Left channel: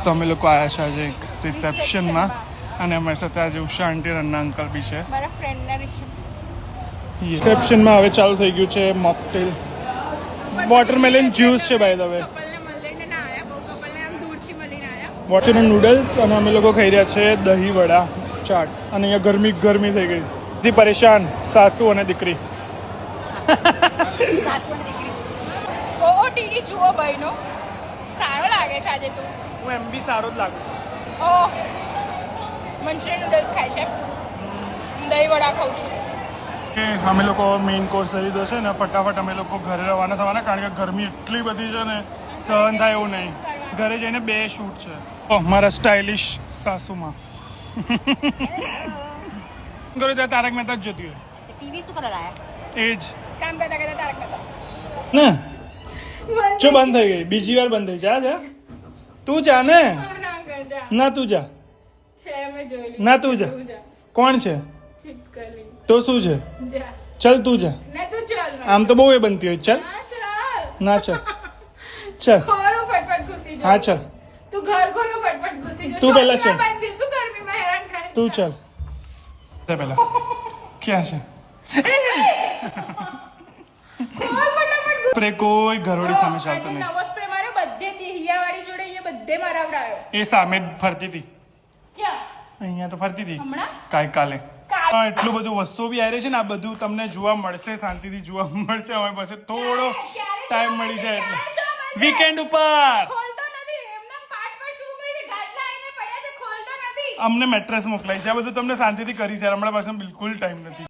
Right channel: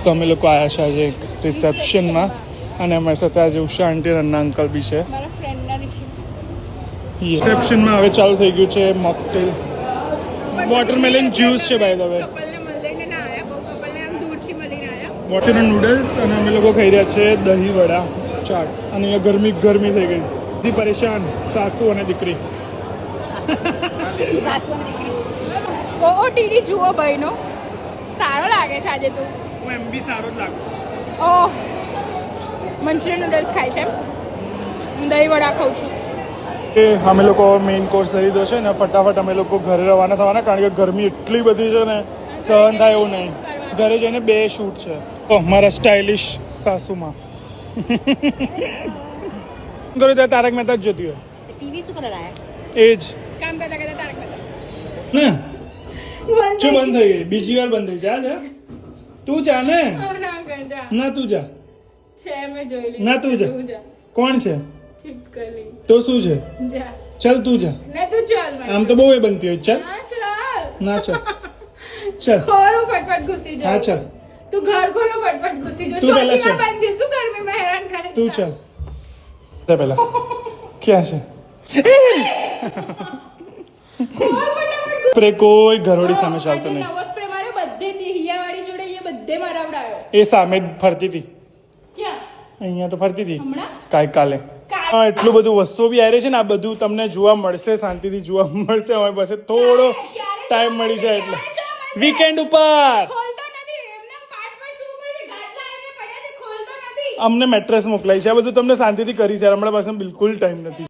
તો અમે લોકો આવ્યા છે આજે એક રિસેપ્શનમાં અને અમારી સાથે આજે ઉષા આંટી અને અંકલ બી છે. રિસેપ્શનમાં હવે ચાલુ થઈ ગયું છે મોકટેલ. વોટરમેલન જ્યુસ છે by the way. Water noodles અને અમે લોકો ખાઈ રહ્યા છે દહીં વડા ચાટ. અને અહીંયા ગરમી ગરમી થઈ ગઈ. બધી પરેશાન સાસુ અને દીકરી. જુઓ ભાઈનો સારો લાગે છે આજે તો. હું એમ બી સારો જ લાગુ. મંચુરિયન નૂડલ્સ ખાય છે, દહીં વડા ખાઉં છું. કે અમે લોકો મેઇન કોર્સ લઈ લીધો છે ને ફટાફટ અમે લોકો ઘરે રવાના થવાના, કારણ કે ગરમી એટલી બધી છે ને સહન થાય એવું નહીં. ઘરે જઈને 2 શૂટ છે. તો મારા સ્ટાઇલિશ સાસુમાં કરો ત્યાં તારક મહેતા જ જોતી હોય એ જ કામ કરતા કરતા તારક મહેતા ને જો બંધ થઈ ગઈ, બીજી વાર બંધ થઈ. જા જા તું જા ને. ના તું જા. ના તું જા. કોણ છે તો શું છે? ચલ તું જા. આમ તો બહુ એ બનતી હોય. ચલ ના ચલ ચલ. હા ચલ તું ઘર ખોલો ફટફટ ઘુસી જો. તું પહેલા ચલ. શું ગરમીમાં હેરાન કરે. તું ચલ પહેલા. ક્યાં છે સ્પ્રે? કોઈ ઘરોડી સામે ચાલતી નહીં. નવો સ્પ્રે માર્યો બધે દિહિયાવાળી જોડે, અહીંયા બધે મરાવડાયો. એ સામે જ ફરતી હતી. ક્યાં? અહીંયા તો ફરતી હતી હમણાં કાલે. એટલું બધું વસ્તુઓ બી આવી છે ને, આ બધું તમને જોવા મળશે, શાંતિથી જોવા મળશે. અમારી પાસે થોડો ટાઈમ મળી જાય એટલે વીકેન્ડ ઉપર અમને મેટ્રેસ મોકલાય છે. આ બધું તમને શાંતિથી કરી છે. અમારા પાસે બિલકુલ ટાઈમ નથી.